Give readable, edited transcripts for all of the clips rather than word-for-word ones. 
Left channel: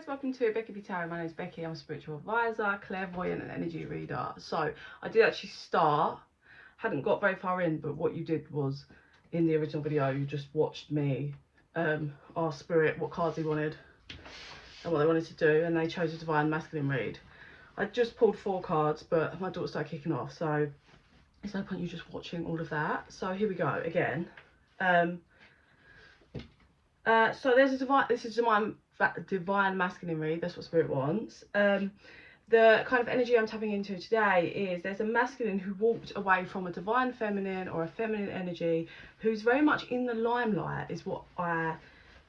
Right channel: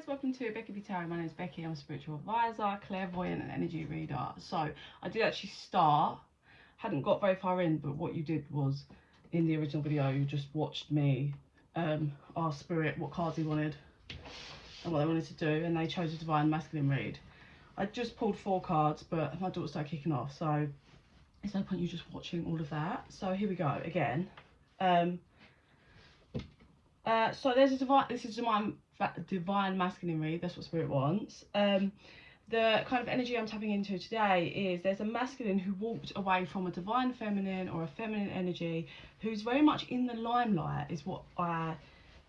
Guys, welcome to bekibtarot. My name is Becky. I'm a spiritual advisor, clairvoyant and energy reader. So I did actually start, hadn't got very far in, but what you did was, in the original video, you just watched me ask spirit what cards he wanted and what they wanted to do, and they chose a divine masculine read. I just pulled 4 cards, but my daughter started kicking off, so there's no point you just watching all of that. So here we go again. So there's a divine masculine read. That's what spirit wants. The kind of energy I'm tapping into today is there's a masculine who walked away from a divine feminine or a feminine energy, who's very much in the limelight, is what I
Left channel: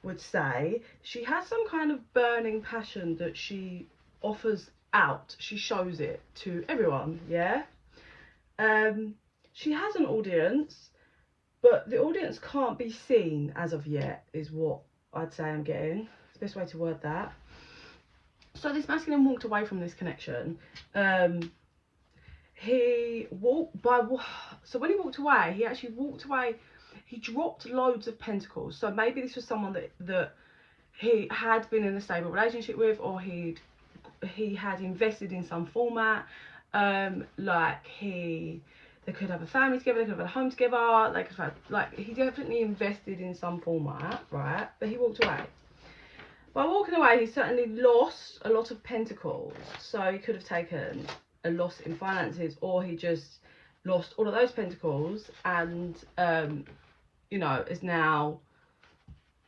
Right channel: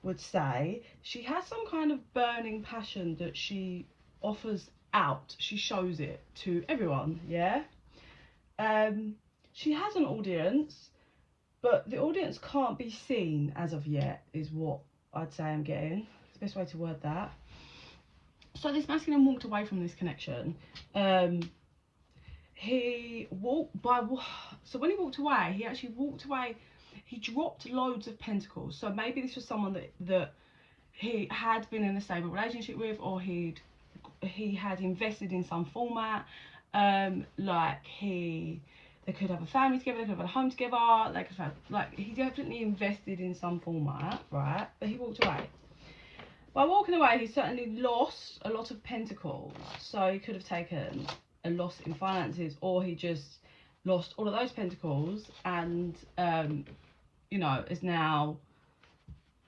would say. She has some kind of burning passion that she offers out. She shows it to everyone. Yeah. She has an audience, but the audience can't be seen as of yet, is what I'd say I'm getting. It's the best way to word that. So this masculine walked away from this connection. He walked by... So when he walked away, he actually walked away. He dropped loads of pentacles. So maybe this was someone that he had been in a stable relationship with, or he had invested in some format. They could have a family together, they could have a home together, they could have, he definitely invested in some format, right? But he walked away. By walking away, he certainly lost a lot of pentacles. So he could have taken a loss in finances, or he just lost all of those pentacles and, you know, is now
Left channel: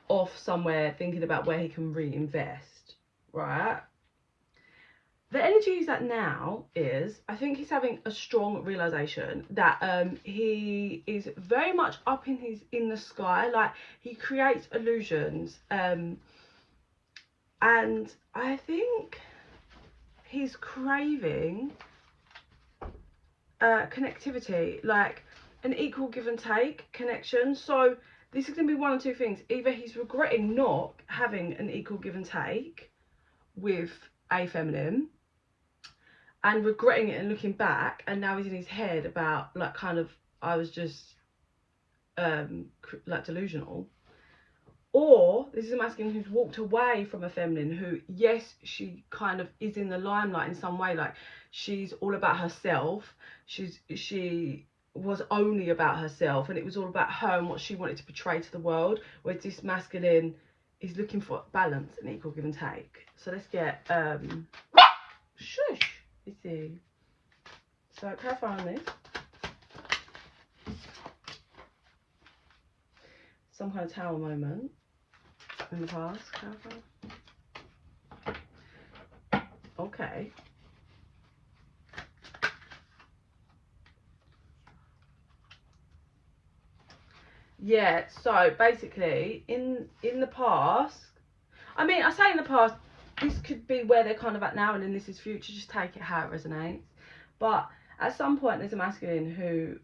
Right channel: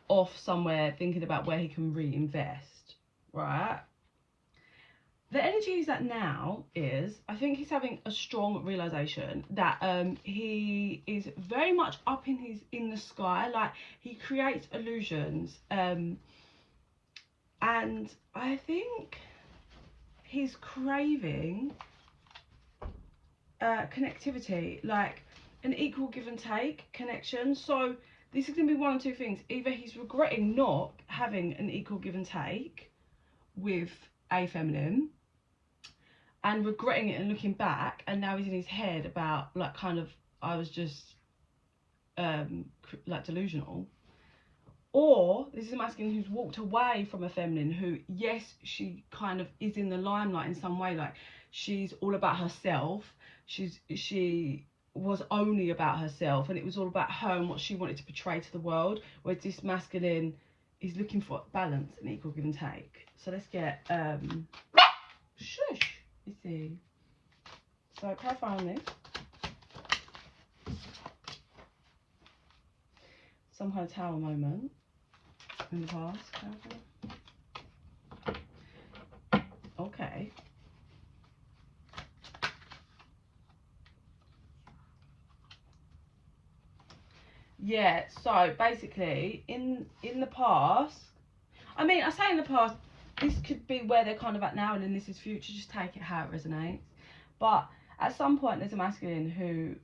off somewhere thinking about where he can reinvest, right? The energy he's at now is, I think he's having a strong realization that he is very much up in the sky. Like, he creates illusions, and I think he's craving connectivity, like an equal give and take connection. So this is going to be one of two things. Either he's regretting not having an equal give and take with a feminine, and regretting it and looking back, and now he's in his head about, like, kind of, I was just like delusional. Or this is a masculine who's walked away from a feminine who, yes, she kind of is in the limelight in some way, like she's all about herself, she was only about herself, and it was all about her and what she wanted to portray to the world, whereas this masculine is looking for balance and equal give and take. So let's get shush. Let's see. So clarify on this. Some kind of tower moment in the past. Clarify. Okay. Yeah. So basically, in the past, I mean, I say in the past, this could be where they're kind of at now, and then this is future. Just take it how it resonates. But at some point, there's a masculine who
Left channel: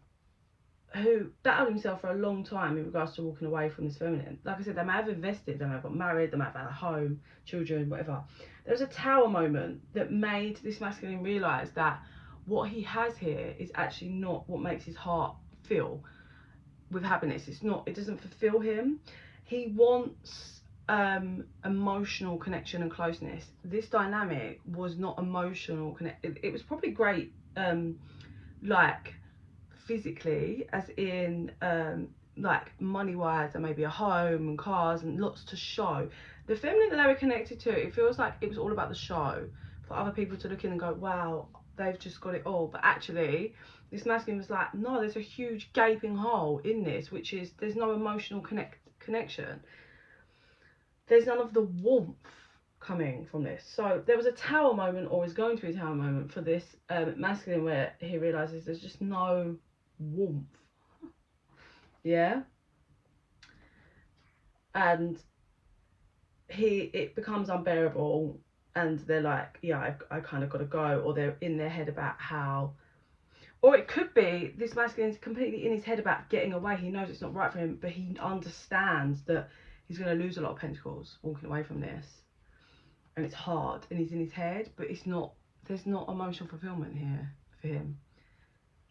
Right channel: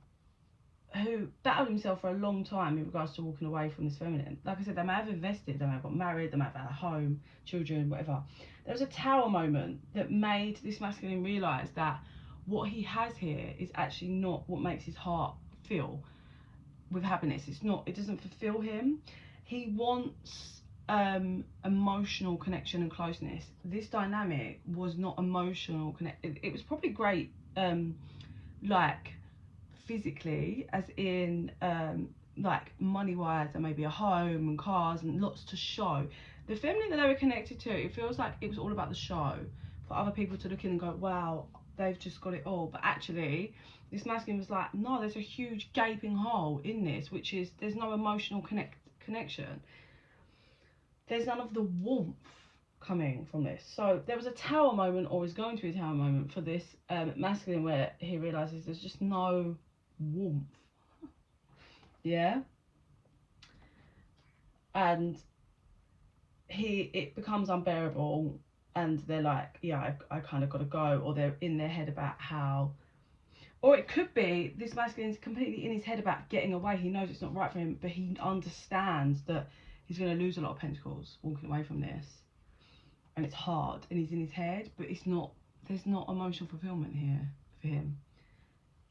doubted himself for a long time in regards to walking away from this feminine. Like I said, they may have invested, they may have got married, they may have had a home, children, whatever. There was a tower moment that made this masculine realise that what he has here is actually not what makes his heart feel with happiness. It doesn't fulfill him. He wants emotional connection and closeness. This dynamic was not emotional it was probably great, like physically, as in like money wise, and maybe a home and cars and lots to show. The feminine that they were connected to, it feels like it was all about the show, for other people to look in and go, wow, they've just got it all. But actually this masculine was like, no, there's a huge gaping hole in this, which is there's no emotional connection. There's none of the warmth coming from this. So there was a tower moment, or is going to be a tower moment for this masculine, where he realizes there's just no warmth. Yeah. And it becomes unbearable, and they're like, yeah, I kind of got to go. Or they're in their head about how, or it could be this masculine's completely in his head about getting away. He knows it's not right for him, but he understands that he's going to lose a lot of pentacles walking away from this, and it's hard, and he's in his head, but there's not emotional fulfillment here for him,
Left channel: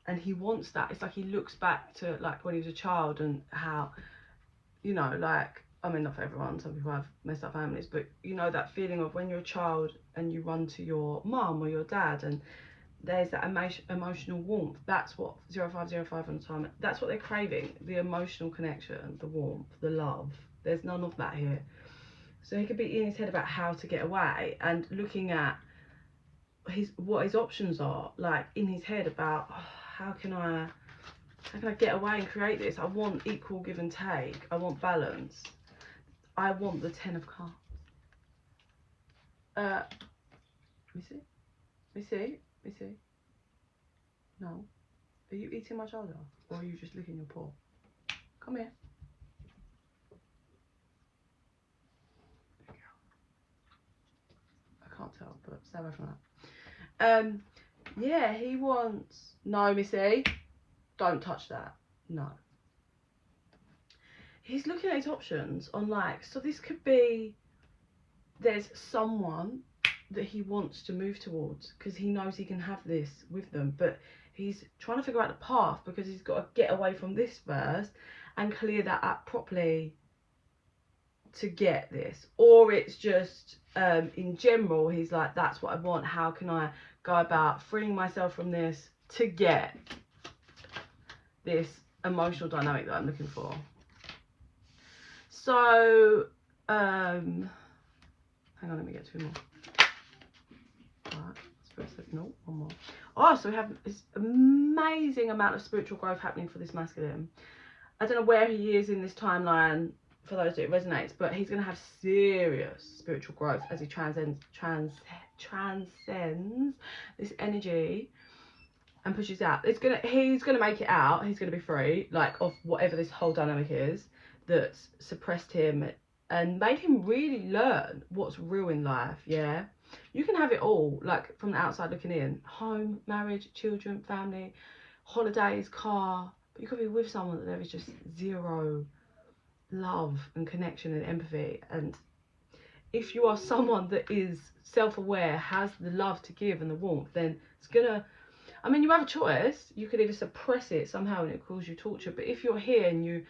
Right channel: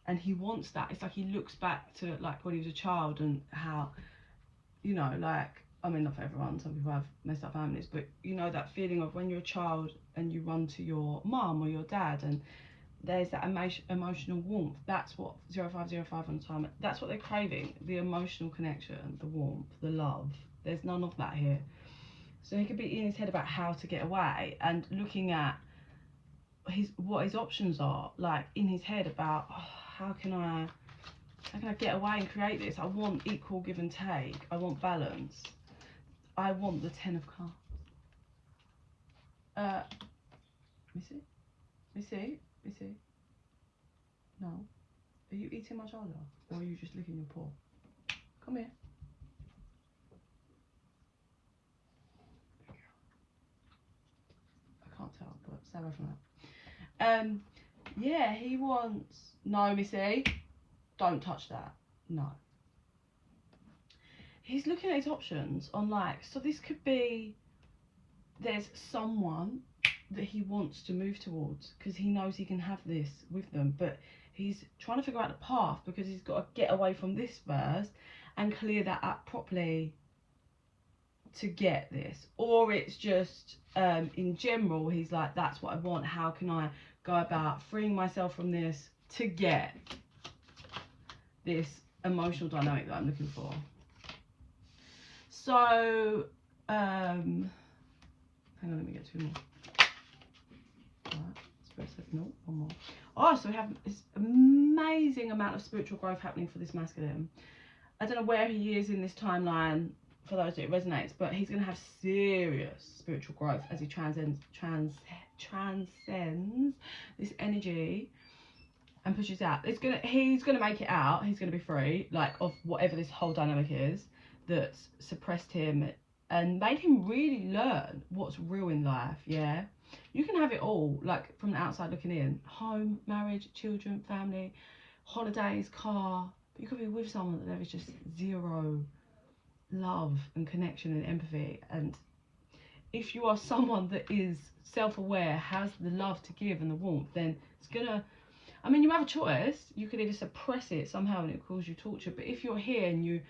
and he wants that. It's like he looks back to, like, when he was a child, and how, you know, like I mean, not for everyone, some people have messed up families, but you know that feeling of when you're a child and you run to your mum or your dad and there's that emotional warmth. That's what 0505 on time, that's what they're craving, the emotional connection, the warmth, the love. There's none of that here. So he could be in his head about how to get away and looking at what his options are, like in his head about, oh, how can I get away and create this? I want equal give and take. I want balance. I want the 10 of Cups. Let me see. No. Are you eating my shoulder? Or are you just licking your paw? Come here. I can't tell, but stay away from that. Yeah, he wants... No, Missy. Don't touch that. No. He's looking at his options on, like... So this could be... There's someone that he wants to move towards because he knows he can have this with them, but he's trying to figure out the path because he's got to get away from this first and clear that up properly to get this. Or it's just in general, he's like, that's what I want. How can I go about freeing myself from this to get this emotional dynamic that I'm looking for? So hang on, let me get 2 more. No, one more. Oh, so we have this amazing amount of spiritual growth happening for this masculine. I don't know where he is in this timeline for those that it resonates, but he's going to have serious spiritual growth as he transcends this energy and pushes out. He's gonna make it out. He's going to be free, like, of whatever this whole dynamic is that's suppressed him and made him really learn what's real in life. Yeah, you can have it all, like, from the outside looking in. Home, marriage, children, family, holidays, car. But you could be with someone that there is just zero love and connection and empathy. And if you are someone that is self-aware, has the love to give and the warmth, then it's gonna... I mean, you have a choice. You could either suppress it somehow and it cause you torture. But if you're here and you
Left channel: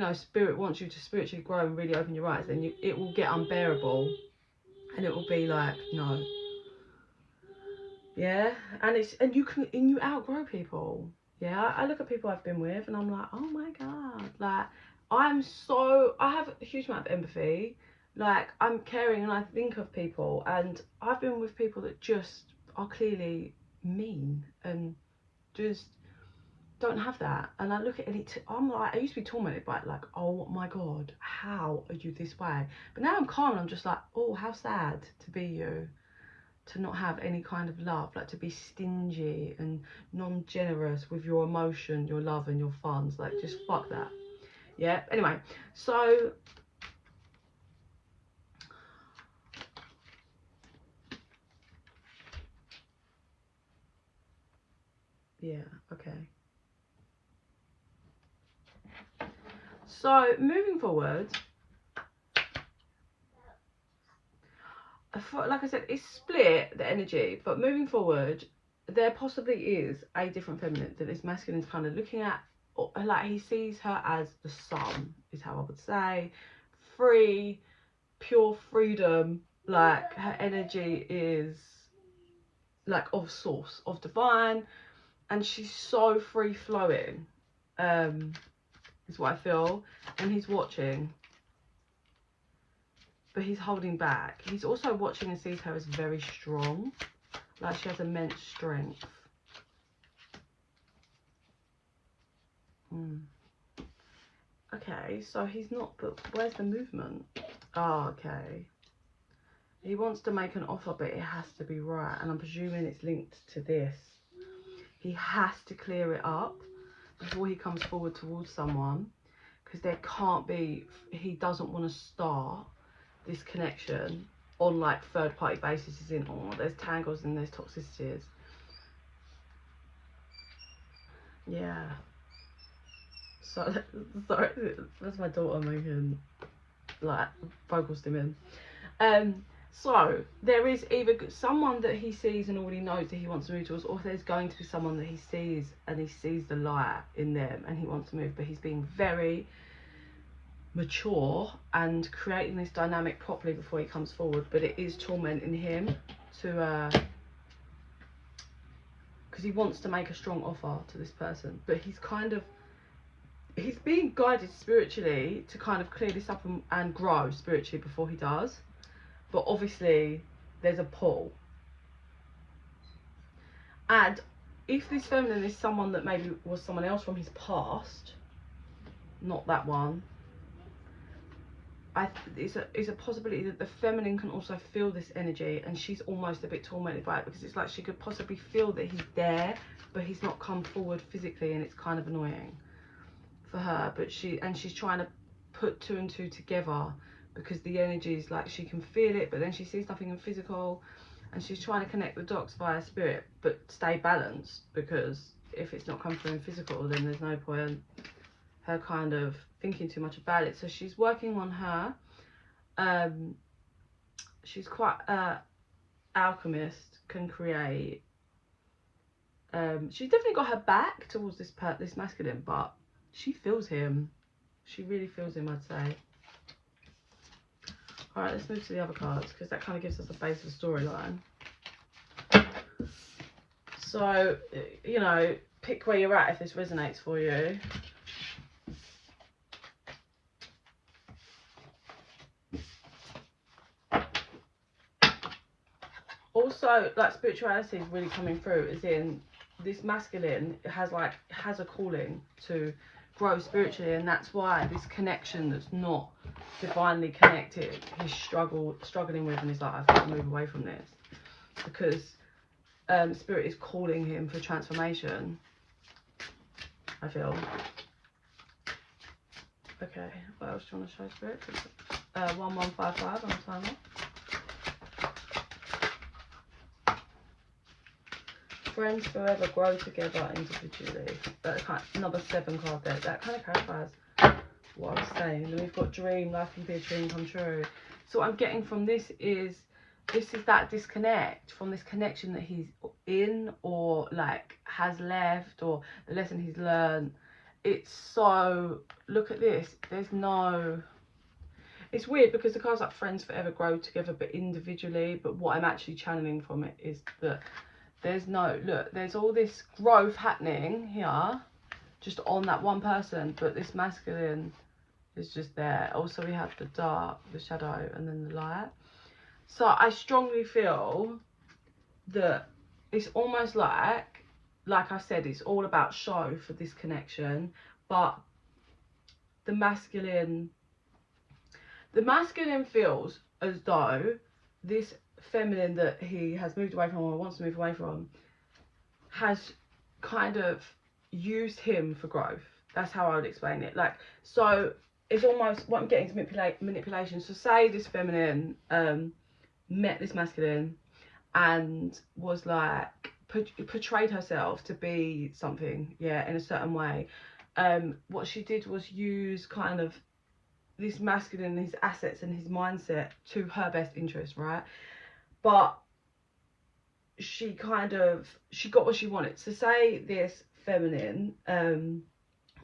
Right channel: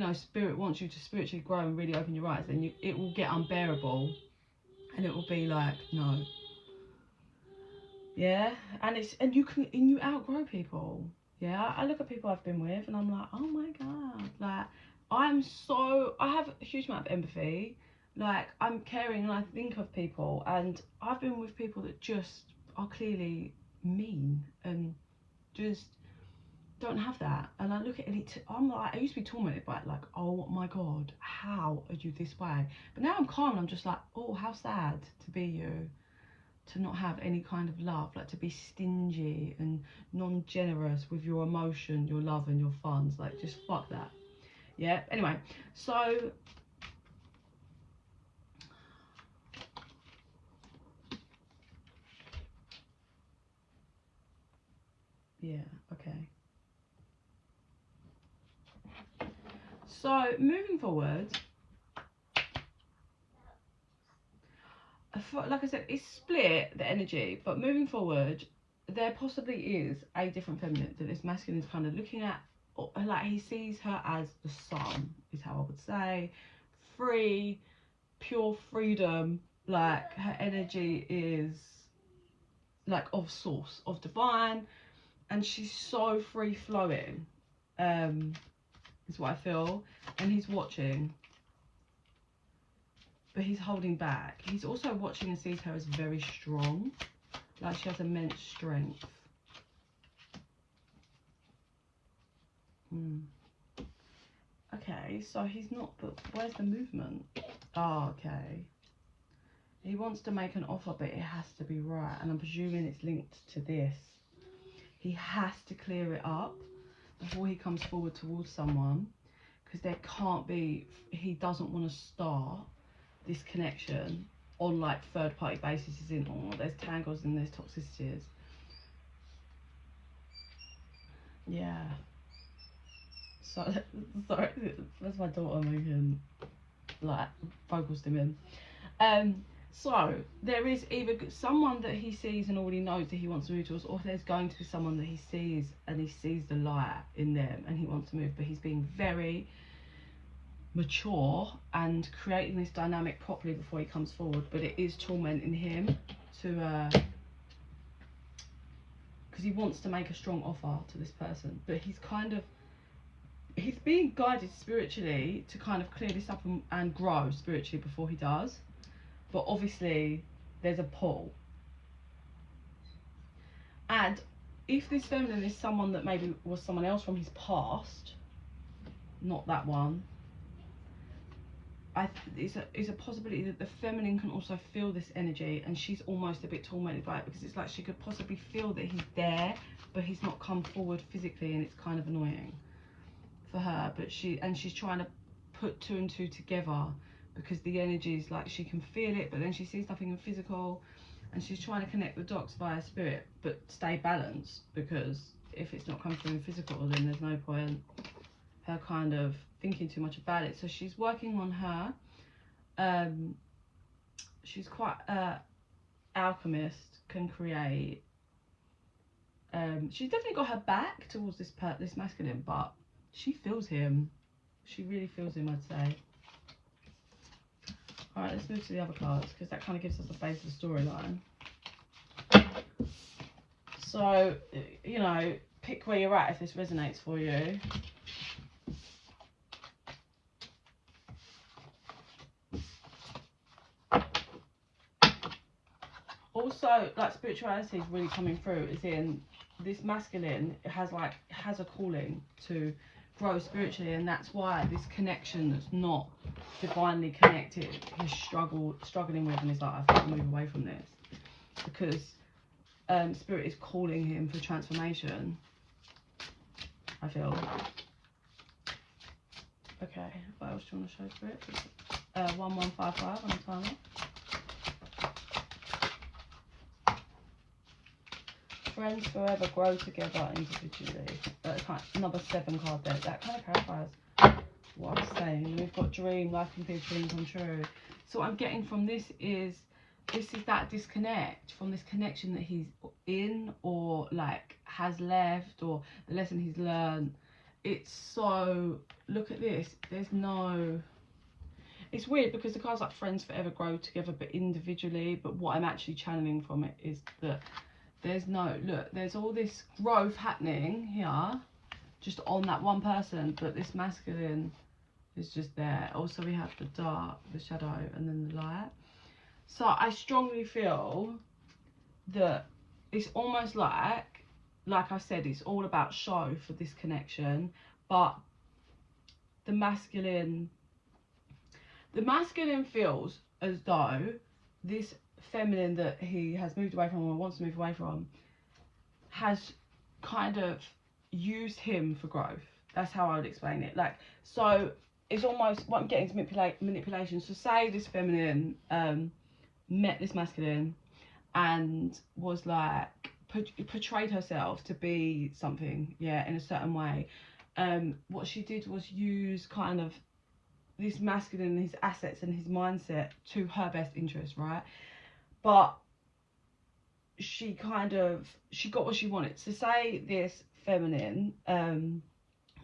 know, spirit wants you to spiritually grow and really open your eyes, then it will get unbearable. And it will be like, no. Yeah, and you outgrow people. Yeah, I look at people I've been with and I'm like, oh my God, like, I have a huge amount of empathy. Like, I'm caring and I think of people, and I've been with people that just are clearly mean and just don't have that. And I look at it, I'm like, I used to be tormented by it, like, oh my God, how are you this way? But now I'm calm and I'm just like, oh, how sad to be you, to not have any kind of love, like to be stingy and non-generous with your emotion, your love and your funds. Like, just fuck that. Yeah, anyway, so yeah, okay. So moving forward, like I said, it's split, the energy, but moving forward, there possibly is a different feminine that this masculine is kind of looking at. Like, he sees her as the sun, is how I would say. Free, pure freedom. Like, her energy is like of source, of divine, and she's so free flowing, is what I feel. And he's watching, but he's holding back. He's also watching and sees her as very strong, like she has immense strength. Okay, so he's not, but where's the movement? Oh, okay. He wants to make an offer, but it has to be right, and I'm presuming it's linked to this. He has to clear it up before he comes forward towards someone, because there can't be, he doesn't want to start this connection on like third party basis. Is in, oh, there's tangles and there's toxicities. Yeah, so sorry, that's my daughter making like vocal stimming. So there is either someone that he sees and already knows that he wants to move towards, or there's going to be someone that he sees and he sees the light in them and he wants to move, but he's being very mature and creating this dynamic properly before he comes forward, but it is tormenting him to because he wants to make a strong offer to this person, but he's being guided spiritually to kind of clear this up and grow spiritually before he does. But obviously there's a pull. And if this feminine is someone that maybe was someone else from his past, not that one, it's a possibility that the feminine can also feel this energy, and she's almost a bit tormented by it, because it's like she could possibly feel that he's there, but he's not come forward physically, and it's kind of annoying for her. But she's trying to put 2 and 2 together, because the energy is like she can feel it, but then she sees nothing in physical, and she's trying to connect the dots via spirit, but stay balanced, because if it's not come through in physical, then there's no point her kind of thinking too much about it. So she's working on her. She's quite alchemist, can create. She's definitely got her back towards this masculine, but she feels him. She really feels him, I'd say. All right, let's move to the other cards, because that kind of gives us a base of the storyline. So, you know, pick where you're at if this resonates for you. Also, like, spirituality is really coming through, as in this masculine has a calling to grow spiritually, and that's why this connection that's not divinely connected he's struggling with, and he's like, I've got to move away from this, because spirit is calling him for transformation, I feel. Okay, what else do you want to show, spirit? 1155 on the timer. Friends forever, grow together individually. Number 7 card there. That kind of clarifies what I was saying. And we've got dream, life can be a dream come true. So what I'm getting from this is that disconnect from this connection that he's in, or like has left, or the lesson he's learned. It's so, look at this. There's no, it's weird because the cards like friends forever, grow together, but individually. But what I'm actually channeling from it is that there's no, look, there's all this growth happening here just on that one person, but this masculine is just there. Also, we have the dark, the shadow, and then the light. So I strongly feel that it's almost like I said, it's all about show for this connection, but the masculine feels as though this feminine that he has moved away from, or wants to move away from, has kind of used him for growth. That's how I would explain it. Like, so it's almost what I'm getting is manipulation. So say this feminine met this masculine and was like portrayed herself to be something, yeah, in a certain way. What she did was use kind of this masculine, his assets and his mindset to her best interest, right? But she got what she wanted. So say this feminine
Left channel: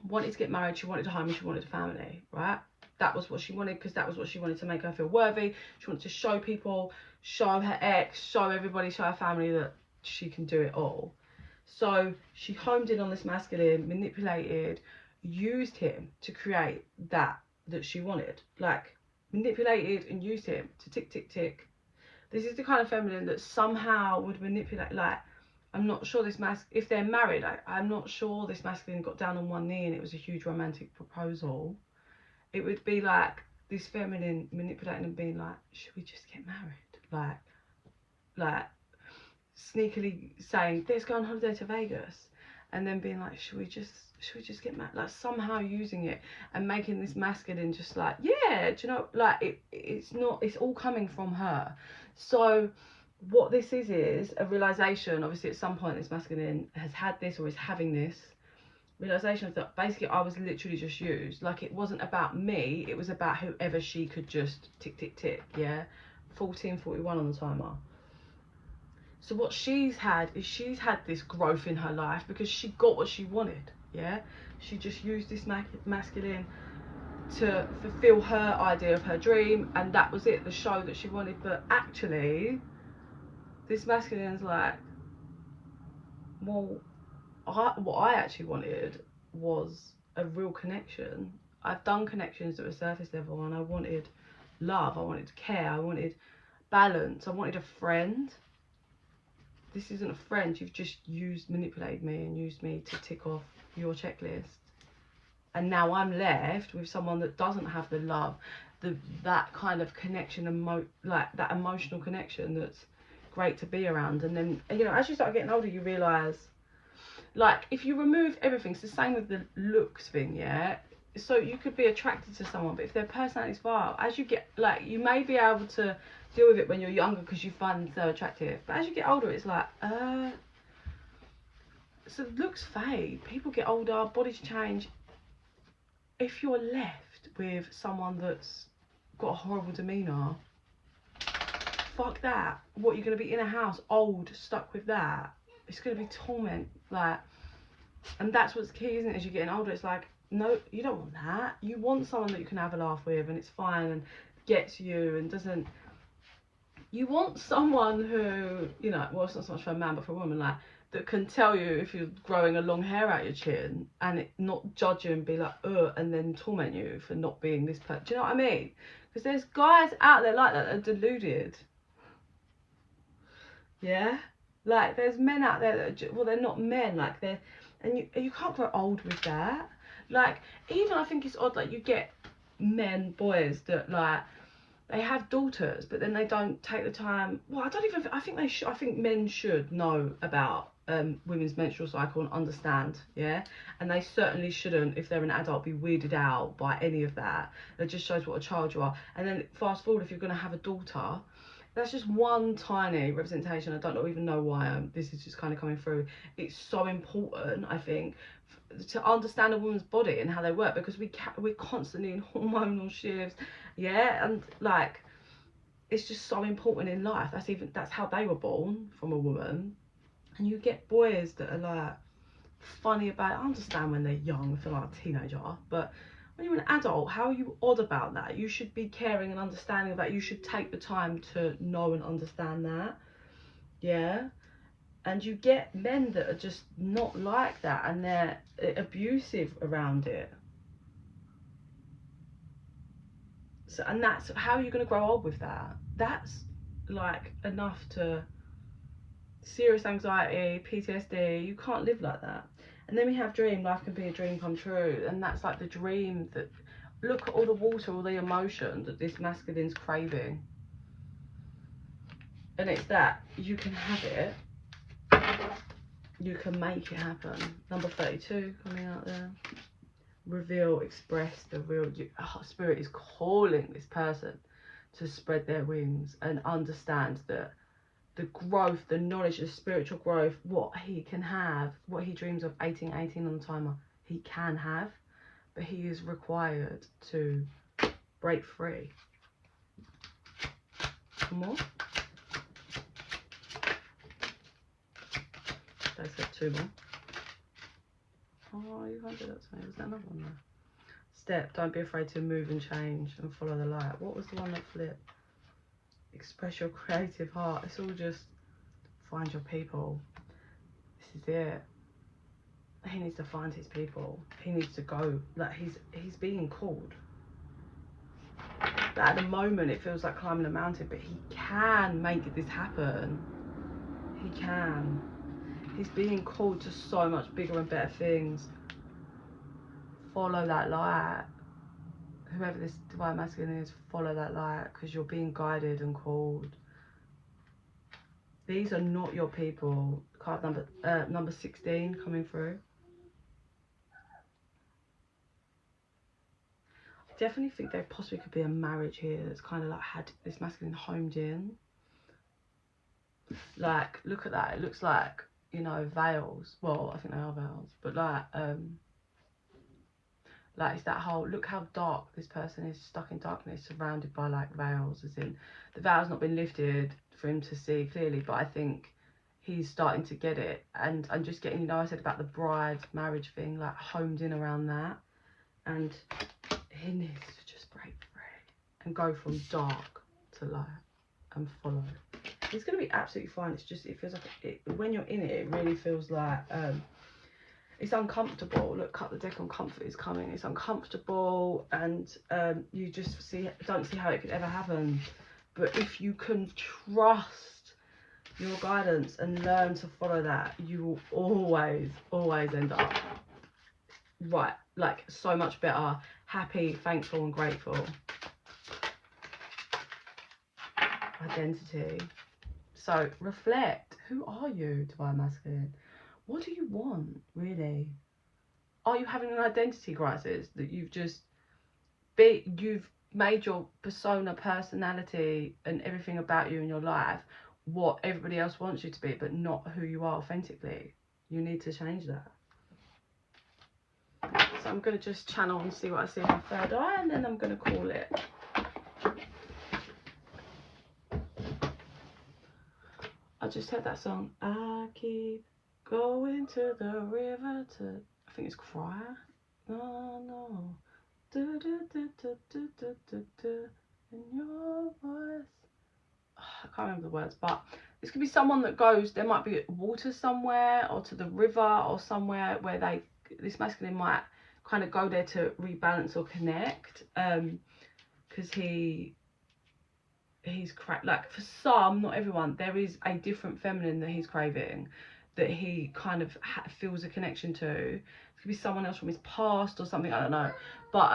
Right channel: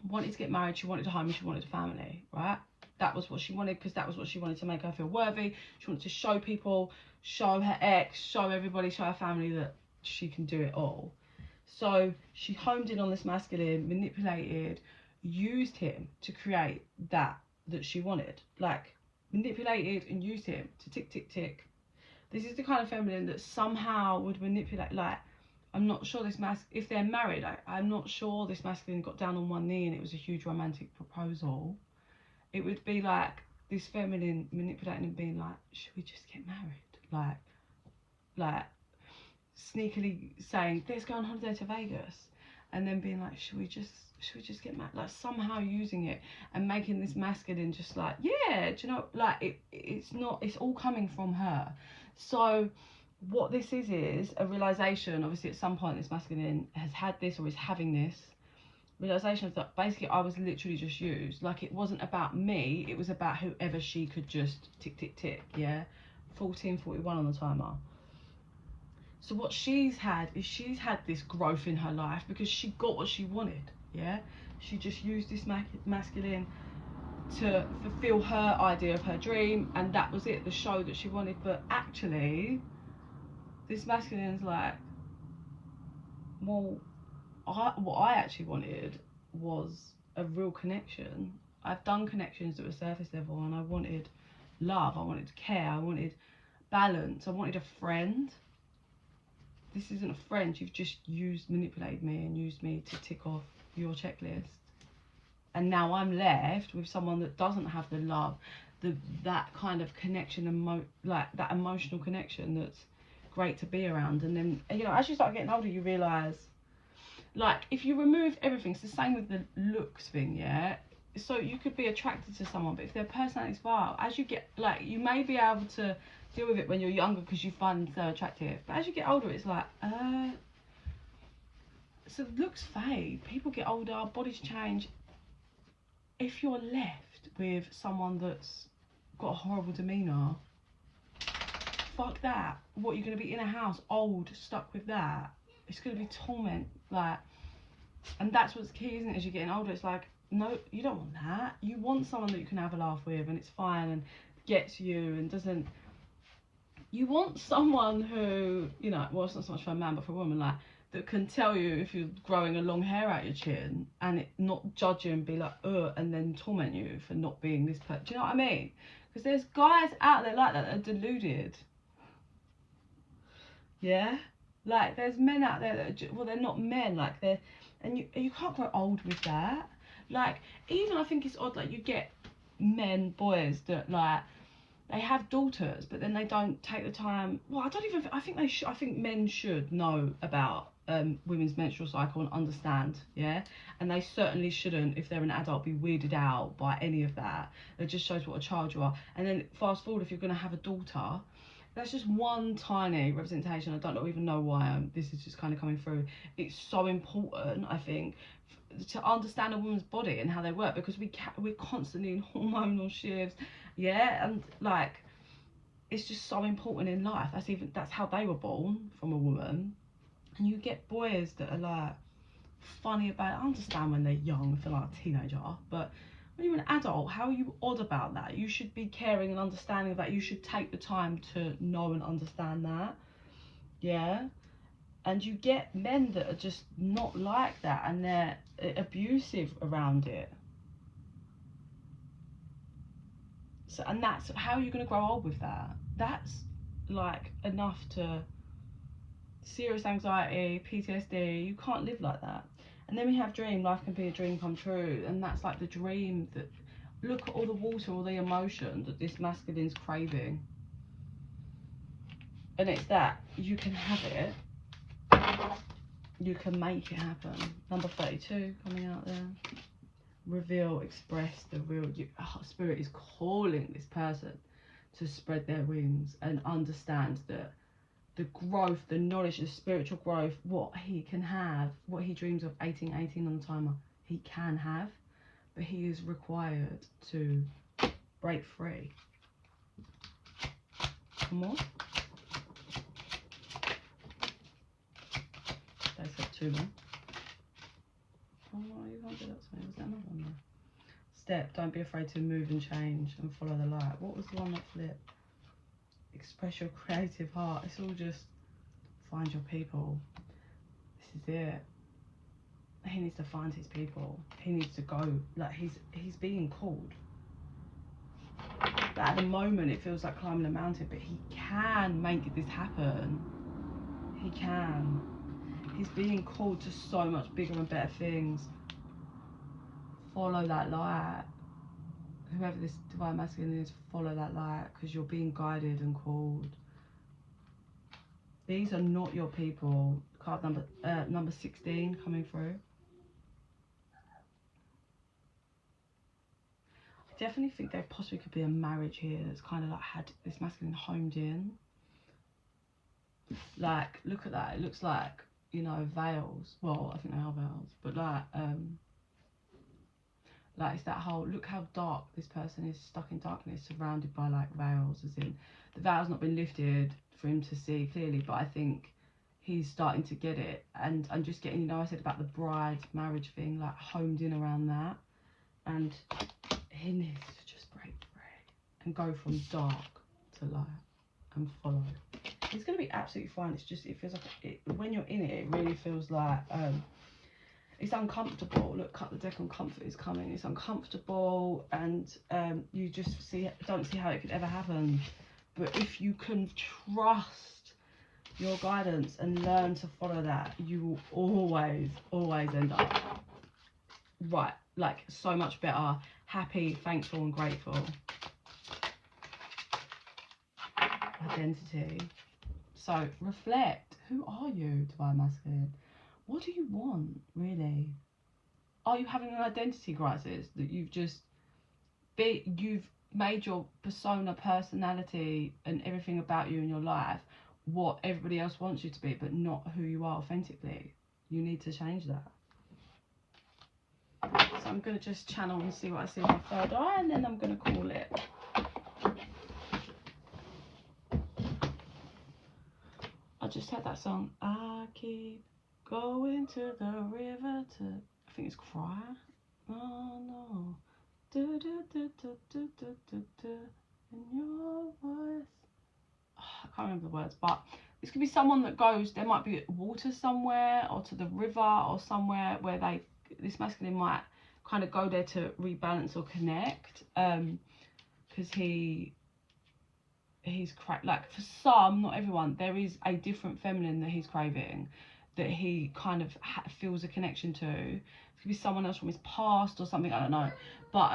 wanted to get married, she wanted a home, she wanted a family, right? That was what she wanted, because that was what she wanted to make her feel worthy. She wanted to show people, show her ex, show everybody, show her family that she can do it all. So she homed in on this masculine, manipulated, used him to create that she wanted. Like, manipulated and used him to tick, tick, tick. This is the kind of feminine that somehow would manipulate, like, I'm not sure this if they're married, I'm not sure this masculine got down on one knee and it was a huge romantic proposal. It would be like this feminine manipulating and being like, should we just get married? Like sneakily saying, let's go on holiday to Vegas, and then being like, should we just get married? Like, somehow using it and making this masculine just like, yeah, do you know, like it's all coming from her. So what this is a realization. Obviously at some point this masculine has had this, or is having this realization, that basically I was literally just used. Like, it wasn't about me, it was about whoever she could just tick, tick, tick, yeah. 14:41 on the timer. So what she's had this growth in her life because she got what she wanted, yeah. She just used this masculine to fulfill her idea of her dream, and that was it, the show that she wanted. But actually, this masculine's like, well, what I actually wanted was a real connection. I've done connections at a surface level, and I wanted love, I wanted care, I wanted balance, I wanted a friend. This isn't a friend, you've just manipulated me and used me to tick off your checklist. And now I'm left with someone that doesn't have the love, that kind of connection, like that emotional connection that's great to be around. And then, you know, as you start getting older, you realise, like, if you remove everything, it's the same with the looks thing, yeah? So you could be attracted to someone, but if their personality's vile, as you get, like, you may be able to deal with it when you're younger because you find them so attractive, but as you get older, it's like, so looks fade, people get older, bodies change. If you're left with someone that's got a horrible demeanour, fuck that. What, you're going to be in a house, old, stuck with that? It's going to be torment, like, and that's what's key, isn't it? As you're getting older, it's like, no, you don't want that. You want someone that you can have a laugh with and it's fine and gets you and doesn't. You want someone who, you know, well, it's not so much for a man, but for a woman, like, that can tell you if you're growing a long hair out your chin and it not judge you and be like, and then torment you for not being this person. Do you know what I mean? Because there's guys out there like that are deluded. Yeah? Like, there's men out there that are, well, they're not men, like, they're, and you can't grow old with that. Like, even I think it's odd, like, you get men, boys that, like, they have daughters, but then they don't take the time. Well, I don't even, I think I think men should know about women's menstrual cycle and understand, yeah? And they certainly shouldn't, if they're an adult, be weirded out by any of that. It just shows what a child you are. And then fast forward, if you're going to have a daughter, that's just one tiny representation. I don't even know why this is just kind of coming through. It's so important, I think, to understand a woman's body and how they work, because we're constantly in hormonal shifts, yeah, and like, it's just so important in life. That's how they were born, from a woman. And you get boys that are like funny about it. I understand when they're young, feel like a teenager, but when you're an adult, how are you odd about that? You should be caring and understanding of that. You should take the time to know and understand that, yeah. And you get men that are just not like that, and they're abusive around it. So, and that's, how are you going to grow old with that? That's like enough to serious anxiety, PTSD. You can't live like that. And then we have dream. Life can be a dream come true, and that's like the dream that, look at all the water, all the emotion that this masculine's craving. And it's that you can have it. You can make it happen. Number 32 coming out there. Reveal, express the real. Spirit is calling this person to spread their wings and understand that the growth, the knowledge, the spiritual growth, what he can have, what he dreams of, 1818 on the timer, he can have, but he is required to break free. One more. They said 2 more. Oh, you can't do that to me. Was there another one there? Step, don't be afraid to move and change and follow the light. What was the one that flipped? Express your creative heart. It's all just find your people. This is it. He needs to find his people. He needs to go. Like, he's being called. But at the moment, it feels like climbing a mountain, but he can make this happen. He can. He's being called to so much bigger and better things. Follow that light. Whoever this divine masculine is, follow that light, because you're being guided and called. These are not your people. Card number 16 coming through. I definitely think there possibly could be a marriage here that's kind of like had this masculine homed in. Like, look at that. It looks like, you know, veils. Well, I think they are veils, but like it's that whole, look how dark this person is, stuck in darkness, surrounded by like veils, as in the veil's not been lifted for him to see clearly, but I think he's starting to get it. And I'm just getting, you know, I said about the bride marriage thing, like homed in around that, and he needs to just break free and go from dark to light and follow. It's going to be absolutely fine. It's just, it feels like, when you're in it, it really feels like, it's uncomfortable. Look, cut the deck on comfort is coming. It's uncomfortable, and you just don't see how it could ever happen. But if you can trust your guidance and learn to follow that, you will always end up right, like so much better, happy, thankful and grateful. Identity. So reflect. Who are you, Divine Masculine? What do you want, really? Are you having an identity crisis that you've made your persona, personality and everything about you in your life what everybody else wants you to be, but not who you are authentically? You need to change that. So I'm going to just channel and see what I see in my third eye, and then I'm going to call it. I just heard that song. I keep going to the river to, I think it's Cry. No. Do, do, do, do, do, do, do, do, in your voice. Oh, I can't remember the words, but this could be someone that goes, there might be water somewhere, or to the river, or somewhere where this masculine might kind of go there to rebalance or connect, because he's like, for some, not everyone, there is a different feminine that he's craving, that he kind of feels a connection to. It could be someone else from his past or something, I don't know, but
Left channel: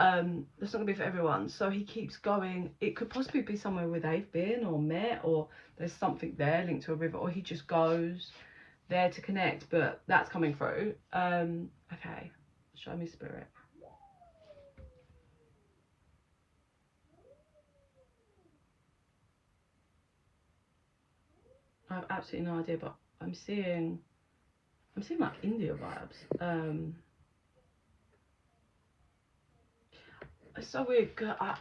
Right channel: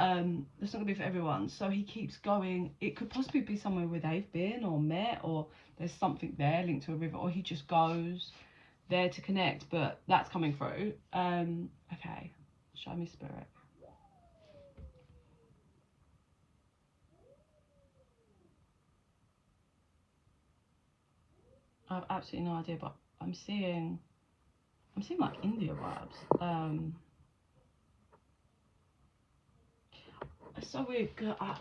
that's not gonna be for everyone. So he keeps going. It could possibly be somewhere where they've been or met, or there's something there linked to a river, or he just goes there to connect, but that's coming through. Okay, show me, Spirit. I have absolutely no idea, but I'm seeing like India vibes. It's so weird.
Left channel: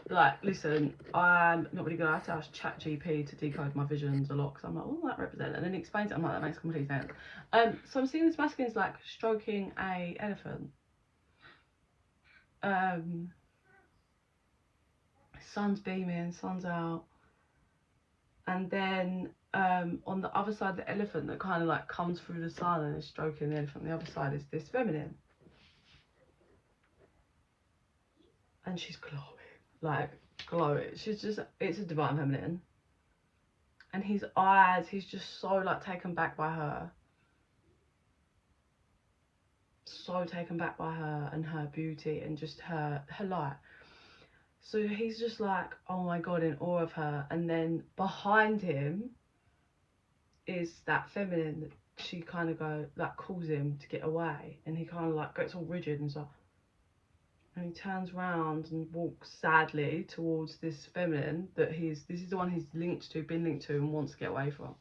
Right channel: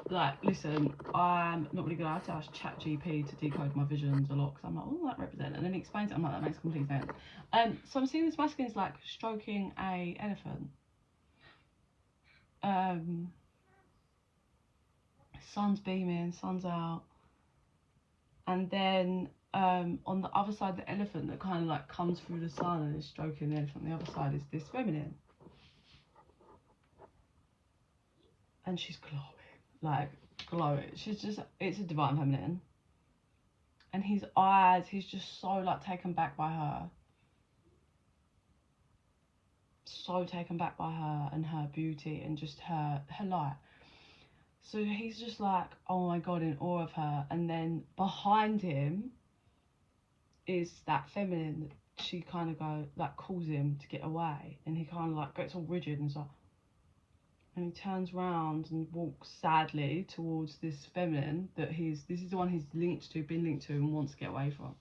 Like, listen, I'm not really good. I have to ask ChatGPT to decode my visions a lot, because I'm like, what does that represent? And then he explains it. I'm like, that makes complete sense. So I'm seeing this masculine is like stroking a elephant. Sun's beaming, sun's out, and then on the other side, the elephant that kind of like comes through the sun and is stroking the elephant. The other side is this feminine, and she's glowing, like glowing. She's just, it's a divine feminine. And his eyes, he's just so like taken back by her. So taken back by her and her beauty and just her light. So he's just like, oh my God, in awe of her. And then behind him is that feminine. She kind of calls him to get away. And he kind of like gets all rigid and stuff. And he turns round and walks sadly towards this feminine that this is the one he's been linked to and wants to get away from.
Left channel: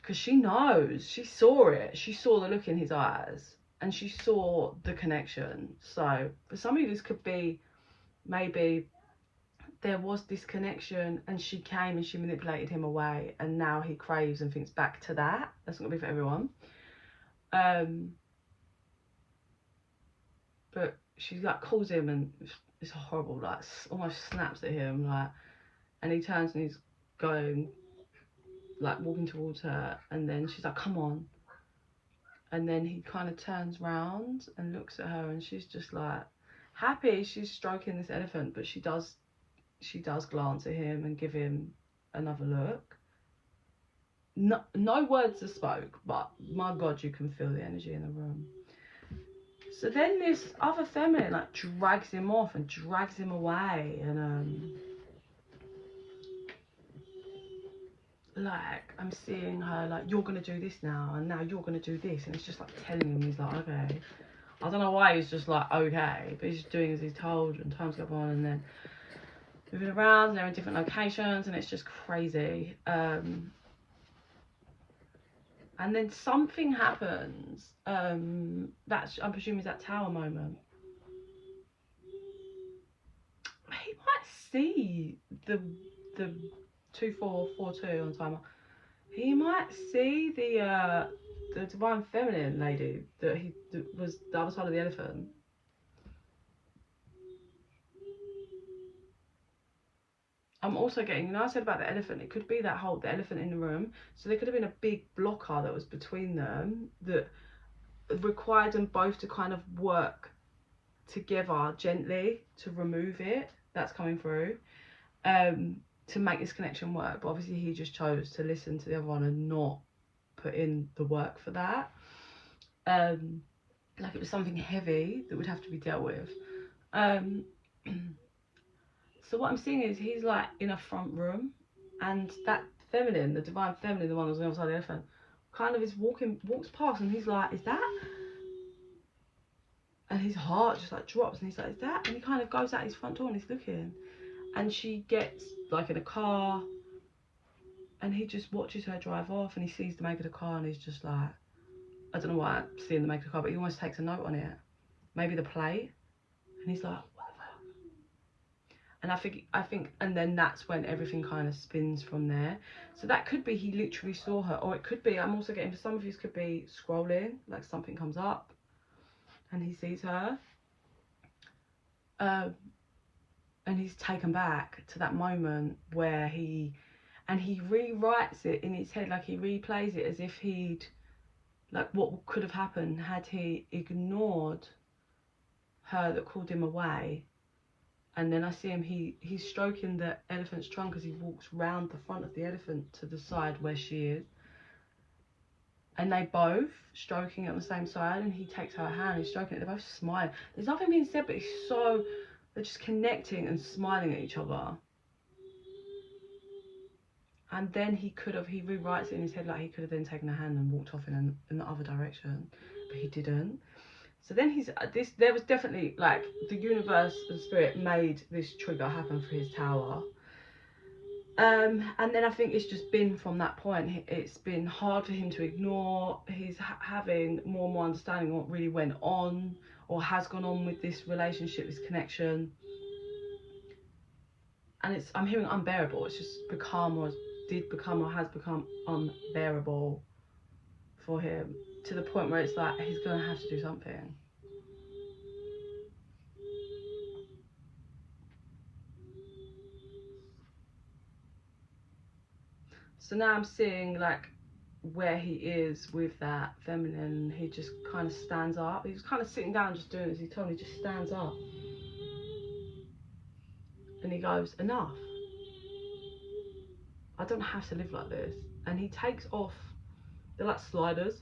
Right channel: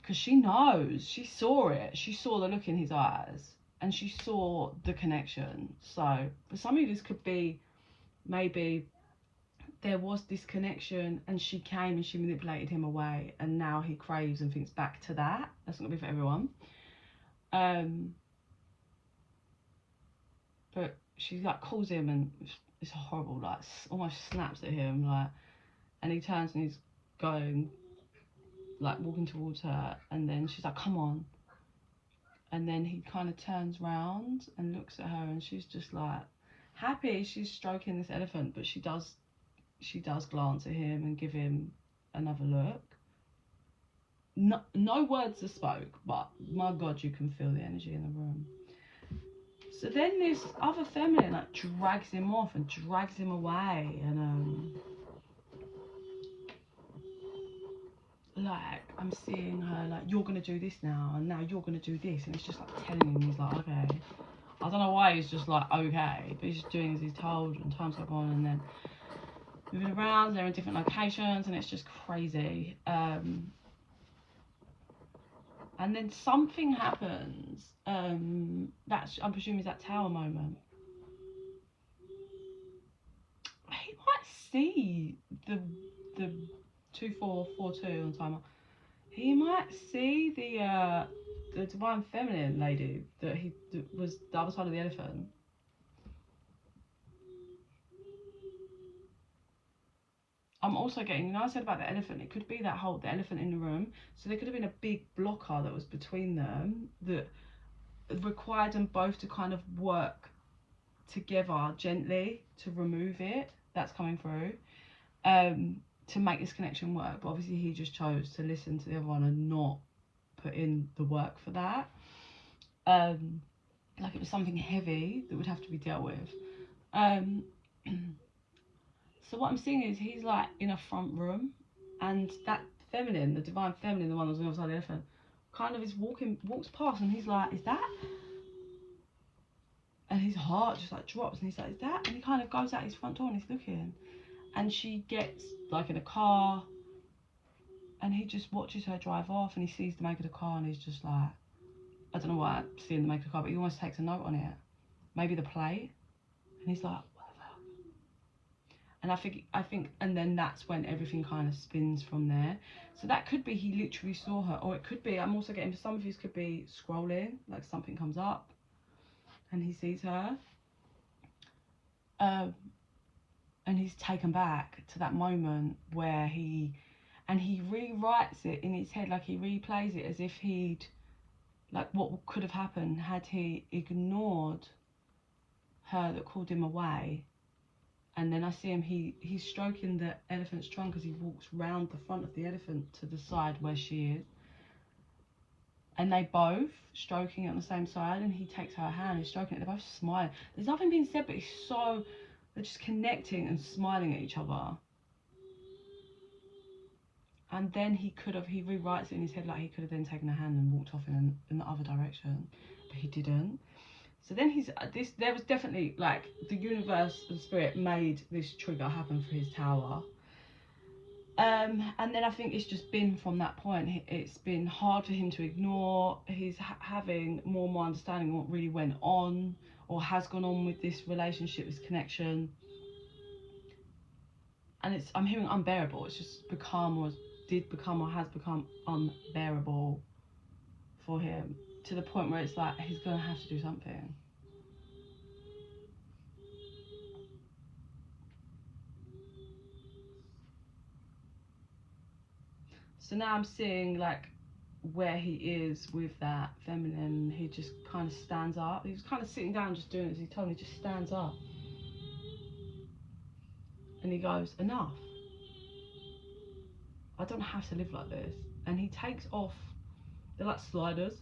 Because she knows, she saw it. She saw the look in his eyes and she saw the connection. So for some of you, this could be, maybe there was this connection and she came and she manipulated him away, and now he craves and thinks back to that. That's not gonna be for everyone. But she like calls him and it's horrible, like almost snaps at him, like, and he turns and he's going, like walking towards her, and then she's like, come on. And then he kind of turns round and looks at her, and she's just like happy. She's stroking this elephant, but she does glance at him and give him another look. No words are spoke, but my God, you can feel the energy in the room. So then this other feminine like drags him off and drags him away, and like I'm seeing her like, you're gonna do this now, and now you're gonna do this, and it's just like telling him, he's like, okay. I don't know why he's just like, okay, but he's just doing as he's told, and time's go on, and then moving around, and they're in different locations, and it's just crazy. And then something happens. That's, I'm presuming, is that tower moment. He might see the 2442 on timer. He might see the divine feminine lady that was the other side of the elephant. I'm also getting, you know, I said about the elephant, it could be that whole, the elephant in the room. So there could have been a big blocker that was between them that required them both to kind of work together gently to remove it. That's coming through, to make this connection work. But obviously he just chose to listen to the other one and not put in the work for that. Like it was something heavy that would have to be dealt with. So what I'm seeing is he's like in a front room, and that feminine, the divine feminine, the one that was on the other side of the elephant, kind of walks past, and he's like, is that? And his heart just like drops, and he's like, is that? And he kind of goes out his front door and he's looking, and she gets like in a car, and he just watches her drive off, and he sees the make of the car, and he's just like, I don't know why I'm seeing the make of the car, but he almost takes a note on it, maybe the plate, and he's like, and I think, and then that's when everything kind of spins from there. So that could be he literally saw her, or it could be, I'm also getting, for some of you, could be scrolling, like something comes up and he sees her, and he's taken back to that moment where he rewrites it in his head, like he replays it as if he'd, like what could have happened had he ignored her that called him away. And then I see him, he's stroking the elephant's trunk as he walks round the front of the elephant to the side where she is. And they both stroking it on the same side, and he takes her hand, he's stroking it, they're both smiling. There's nothing being said, but they're just connecting and smiling at each other. And then he rewrites it in his head, like he could have then taken her hand and walked off in the other direction, but he didn't. So then there was definitely, like, the universe and spirit made this trigger happen for his tower. And then I think it's just been from that point, it's been hard for him to ignore. He's having more and more understanding what really went on or has gone on with this relationship, this connection. And I'm hearing unbearable. It's just become, or did become, or has become unbearable for him, to the point where it's like he's gonna have to do something. So now I'm seeing like where he is with that feminine. He just kind of stands up. He was kind of sitting down just doing it, as he told me, just stands up. And he goes, enough. I don't have to live like this. And he takes off, they're like sliders,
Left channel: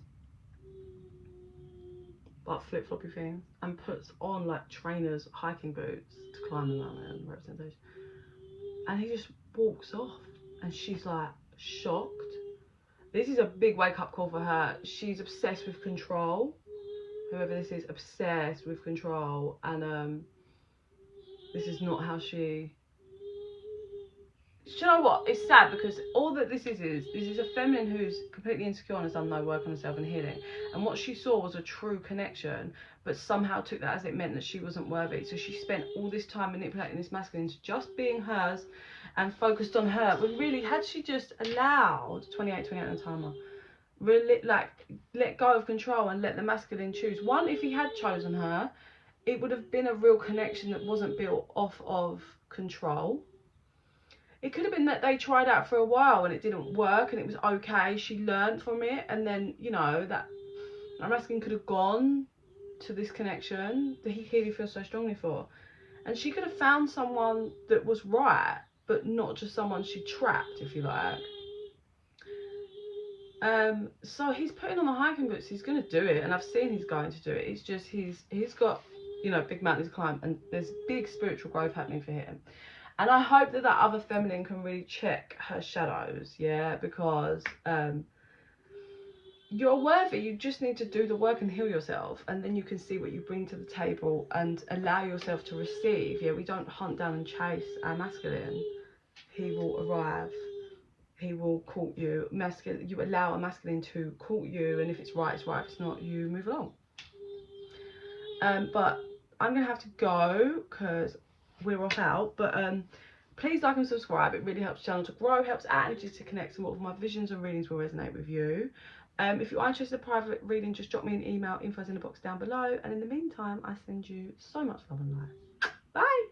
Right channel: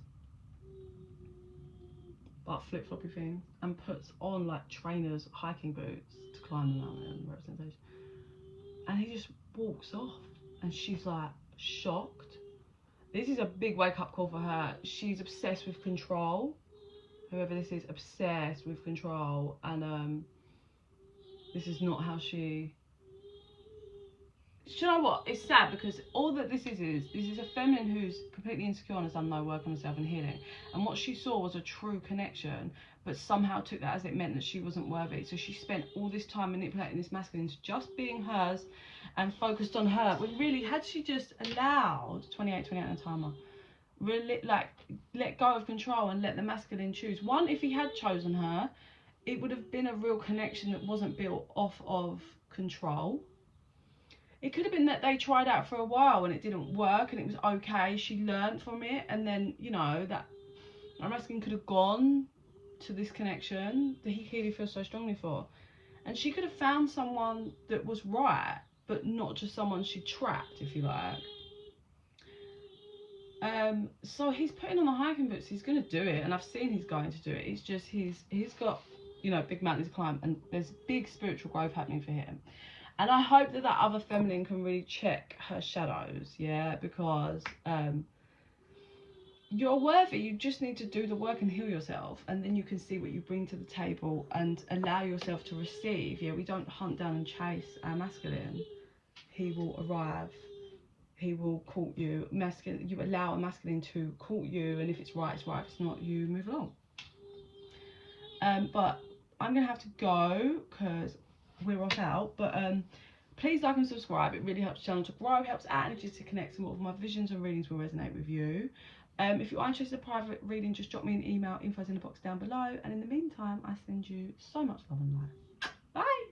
like flip-floppy things, and puts on like trainers, hiking boots to climb the mountain, representation. And he just walks off, and she's like shocked. This is a big wake-up call for her. She's obsessed with control, whoever this is, obsessed with control, and this is not how she... Do you know what? It's sad, because all that this is a feminine who's completely insecure and has done no work on herself and healing. And what she saw was a true connection, but somehow took that as it meant that she wasn't worthy. So she spent all this time manipulating this masculine to just being hers and focused on her. When really, had she just allowed 28 on the timer, really, like, let go of control and let the masculine choose. One, if he had chosen her, it would have been a real connection that wasn't built off of control. It could have been that they tried out for a while and it didn't work and it was okay. She learned from it, and then, you know, that masculine could have gone to this connection that he clearly feels so strongly for. And she could have found someone that was right, but not just someone she trapped, if you like. So he's putting on the hiking boots. He's going to do it, and I've seen he's going to do it. It's just he's got, you know, big mountains to climb, and there's big spiritual growth happening for him. And I hope that other feminine can really check her shadows, yeah, because you're worthy. You just need to do the work and heal yourself, and then you can see what you bring to the table and allow yourself to receive. Yeah, we don't hunt down and chase our masculine. He will arrive. He will court you. Masculine, you allow a masculine to court you, and if it's right, it's right. If it's not, you move along. But I'm gonna have to go because we're off out. But please like and subscribe. It really helps the channel to grow, helps our energies to connect, and what of my visions and readings will resonate with you. If you are interested in a private reading, just drop me an email. Info's in the box down below. And in the meantime, I send you so much love and light. Bye.